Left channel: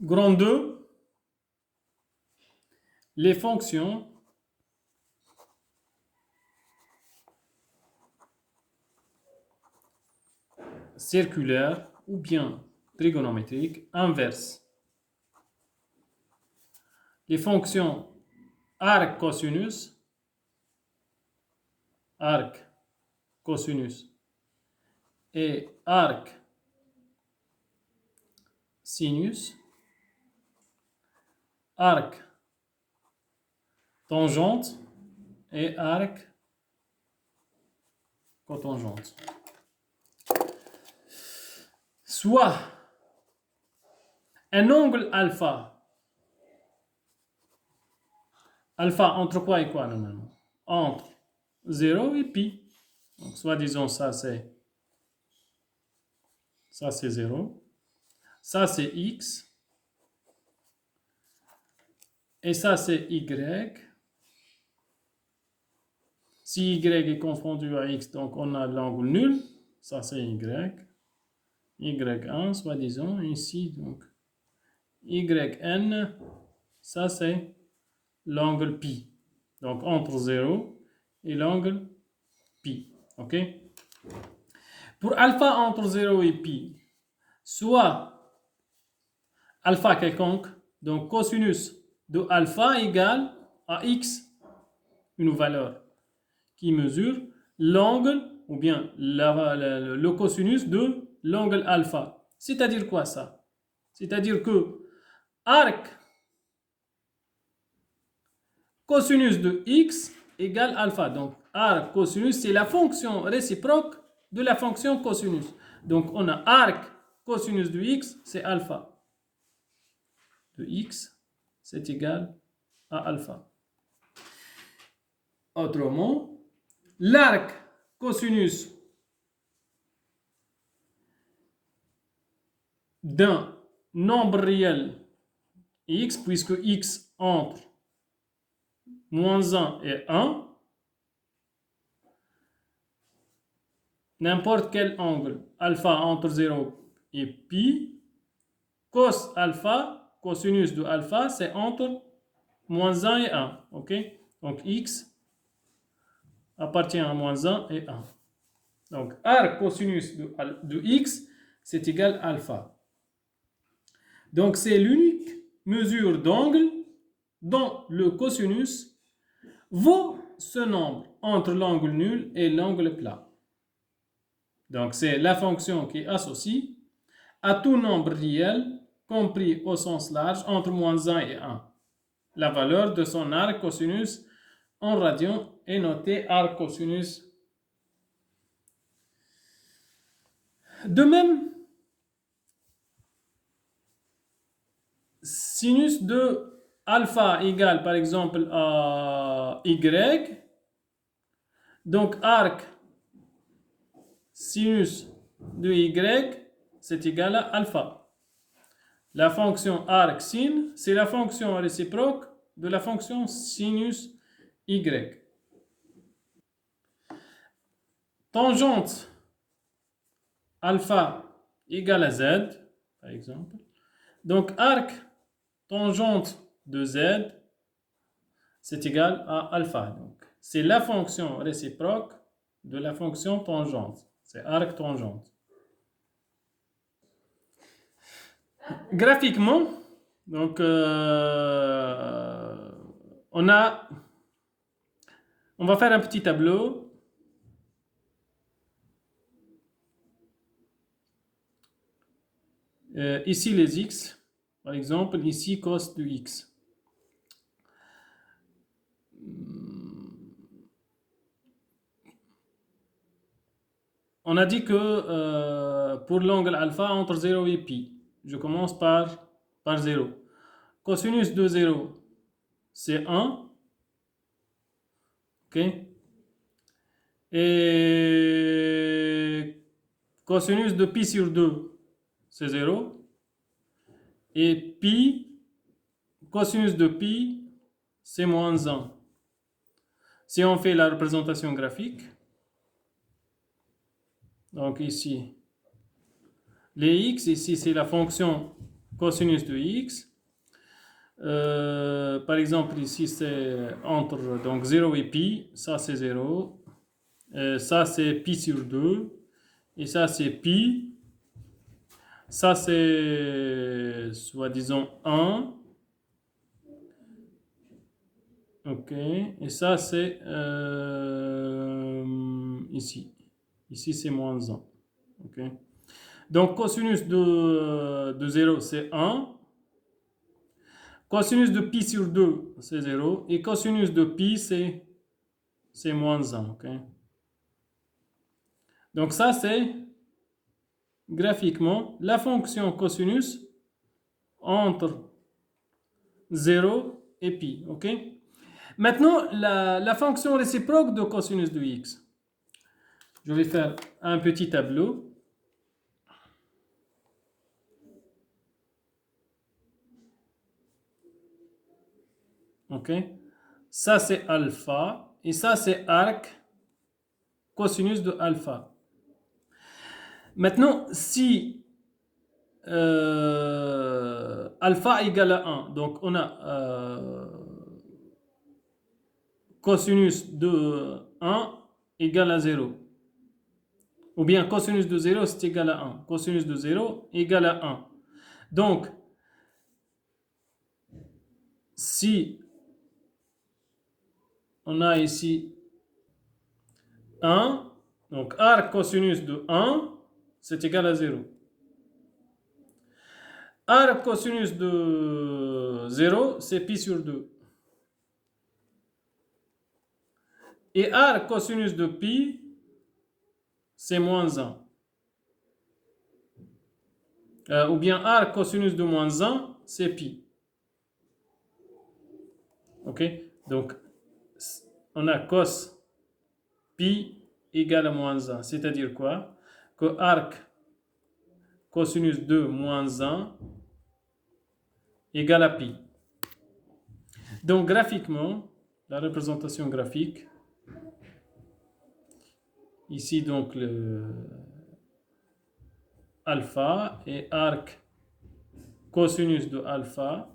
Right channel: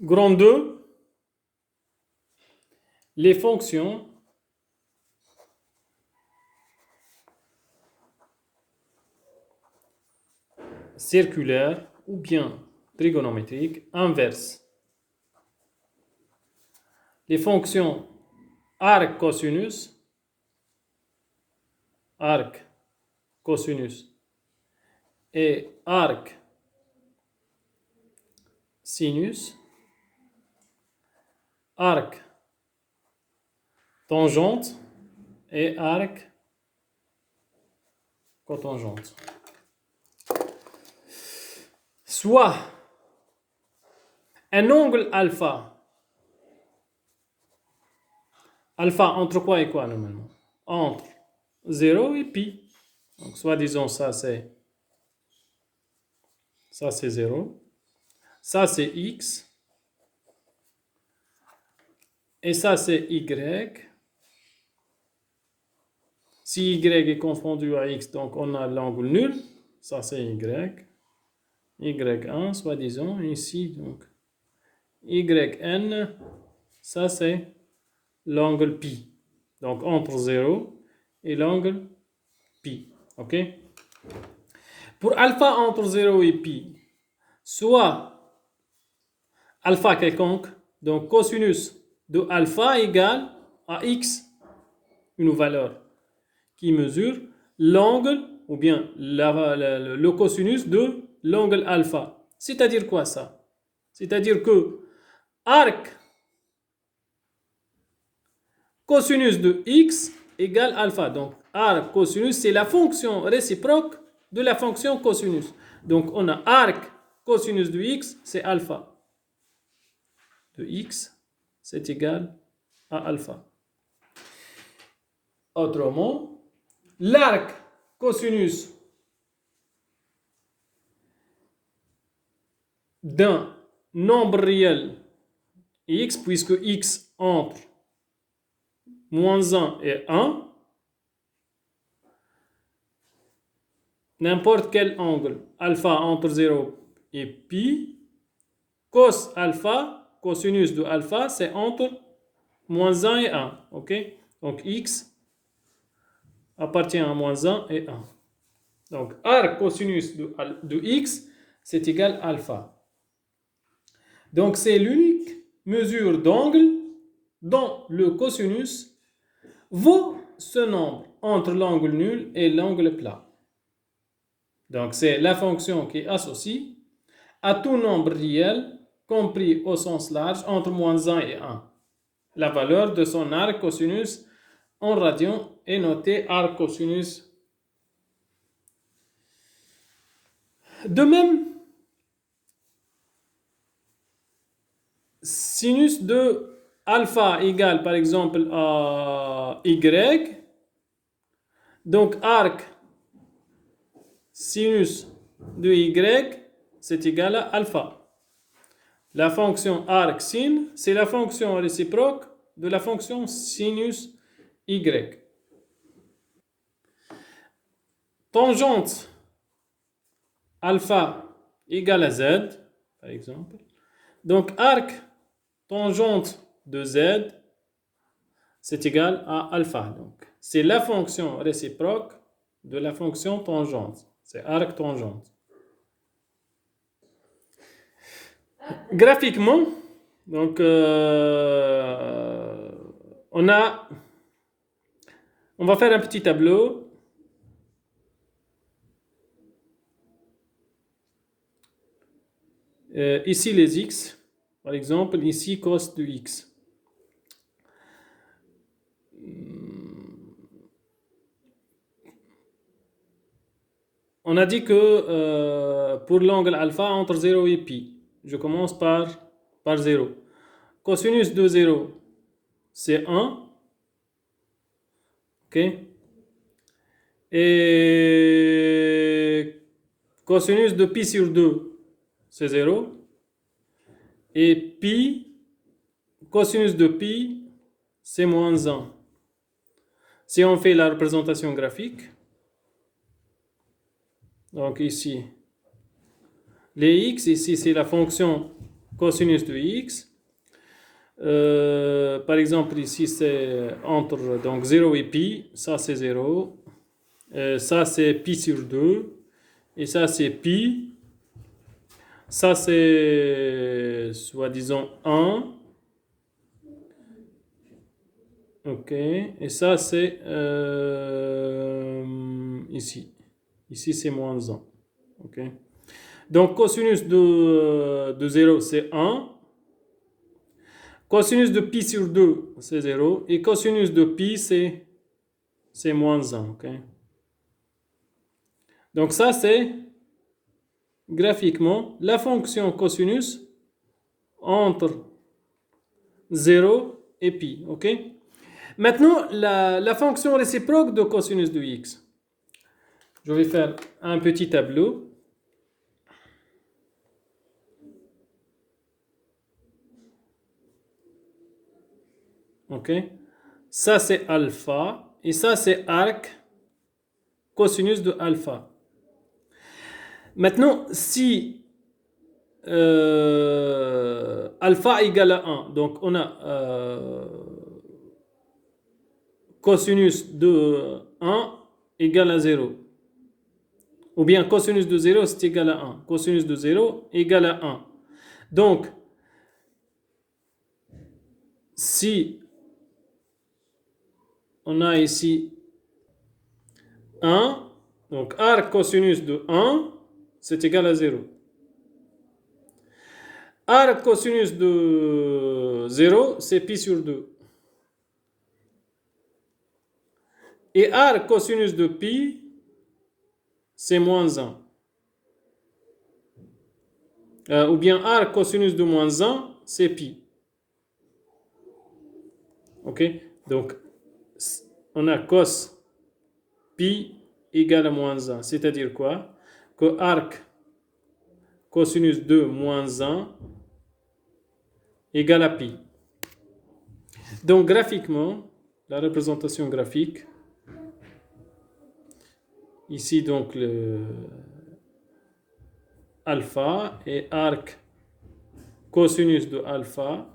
Grand 2, les fonctions circulaires ou bien trigonométriques inverses. Les fonctions arc cosinus et arc sinus, arc tangente et arc cotangente. Soit un angle alpha entre quoi et quoi normalement? Entre 0 et pi. Donc soit disons ça c'est 0, ça c'est x, et ça c'est y. Si y est confondu à x, donc on a l'angle nul, ça c'est y. y1, soit disons ici, donc yn, ça c'est l'angle pi. Donc entre 0 et l'angle pi. Ok? Pour alpha entre 0 et pi, soit alpha quelconque, donc cosinus de alpha égale à x, une valeur qui mesure l'angle ou bien le cosinus de l'angle alpha. C'est-à-dire quoi ça? C'est-à-dire que arc cosinus de x égale alpha. Donc arc cosinus, c'est la fonction réciproque de la fonction cosinus. Donc on a arc cosinus de x, c'est alpha. De x, c'est égal à alpha. Autrement, l'arc cosinus d'un nombre réel x, puisque x entre moins 1 et 1, n'importe quel angle, alpha entre 0 et pi, cos alpha, cosinus de alpha, c'est entre moins 1 et 1. Ok? Donc x appartient à moins 1 et 1. Donc arc cosinus de x, c'est égal à alpha. Donc c'est l'unique mesure d'angle dont le cosinus vaut ce nombre entre l'angle nul et l'angle plat. Donc c'est la fonction qui associe à tout nombre réel compris au sens large entre moins 1 et 1. La valeur de son arc cosinus en radian est notée arc cosinus. De même, sinus de alpha égale par exemple à y. Donc arc sinus de y, c'est égal à alpha. La fonction arc sin, c'est la fonction réciproque de la fonction sinus y. Tangente alpha égale à z, par exemple. Donc arc tangente de z, c'est égal à alpha. Donc c'est la fonction réciproque de la fonction tangente. C'est arc tangente. Graphiquement, donc on va faire un petit tableau. Ici les x, par exemple, ici cos de x. On a dit que pour l'angle alpha entre 0 et pi, je commence par 0. Cosinus de 0, c'est 1. Ok? Et cosinus de pi sur 2, c'est 0. Et pi, cosinus de pi, c'est moins 1. Si on fait la représentation graphique, donc ici, les x, ici c'est la fonction cosinus de x. Par exemple, ici, c'est entre donc 0 et pi. Ça, c'est 0. Ça, c'est pi sur 2. Et ça, c'est pi. Ça, c'est, soi-disant, 1. OK. Et ça, c'est ici. Ici, c'est moins 1. OK. Donc, cosinus de 0, c'est 1. Cosinus de pi sur 2, c'est 0. Et cosinus de pi, c'est moins 1. Okay? Donc ça, c'est graphiquement la fonction cosinus entre 0 et pi. Okay? Maintenant, la fonction réciproque de cosinus de x. Je vais faire un petit tableau. OK. Ça, c'est alpha. Et ça, c'est arc cosinus de alpha. Maintenant, si alpha égale à 1, donc on a cosinus de 1 égale à 0. Ou bien cosinus de 0, c'est égal à 1. Cosinus de 0 égale à 1. Donc, si on a ici 1, donc arc cosinus de 1, c'est égal à 0. Arc cosinus de 0, c'est pi sur 2. Et arc cosinus de pi, c'est moins 1. Ou bien arc cosinus de moins 1, c'est pi. OK? Donc, on a cos pi égale à moins 1. C'est-à-dire quoi? Que arc cosinus de moins 1 égale à pi. Donc, graphiquement, la représentation graphique, ici, donc, le alpha et arc cosinus de alpha.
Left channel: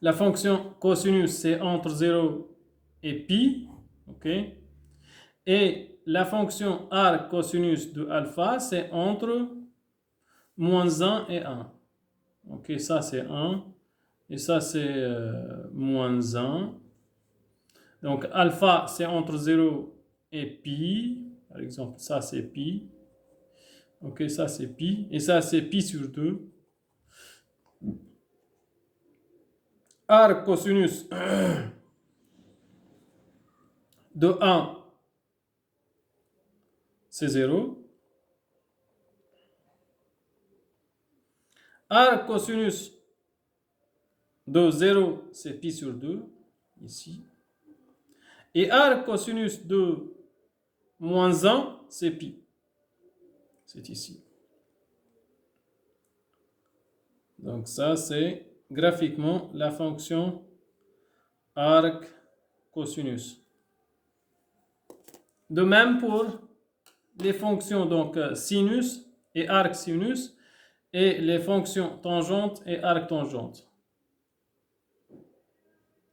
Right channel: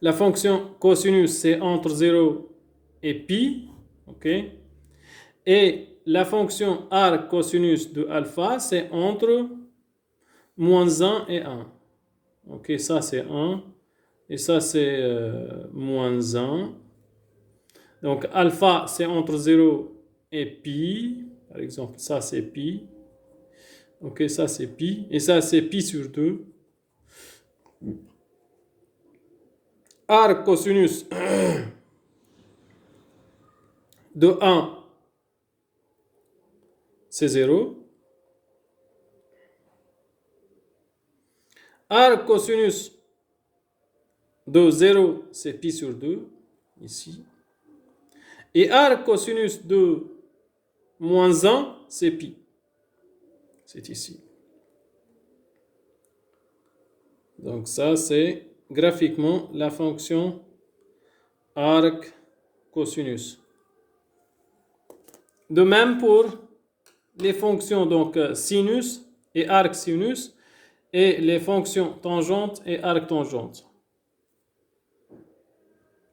La fonction cosinus, c'est entre 0 et pi. OK? Et la fonction arc cosinus de alpha, c'est entre moins 1 et 1. OK, ça c'est 1. Et ça c'est moins 1. Donc alpha, c'est entre 0 et pi. Par exemple, ça c'est pi. OK, ça c'est pi. Et ça c'est pi sur 2. Arc cosinus de 1, c'est 0. Arc cosinus de 0, c'est pi sur 2, ici. Et arc cosinus de moins 1, c'est pi. C'est ici. Donc ça, c'est graphiquement la fonction arc cosinus. De même pour les fonctions donc sinus et arc sinus et les fonctions tangentes et arc tangente.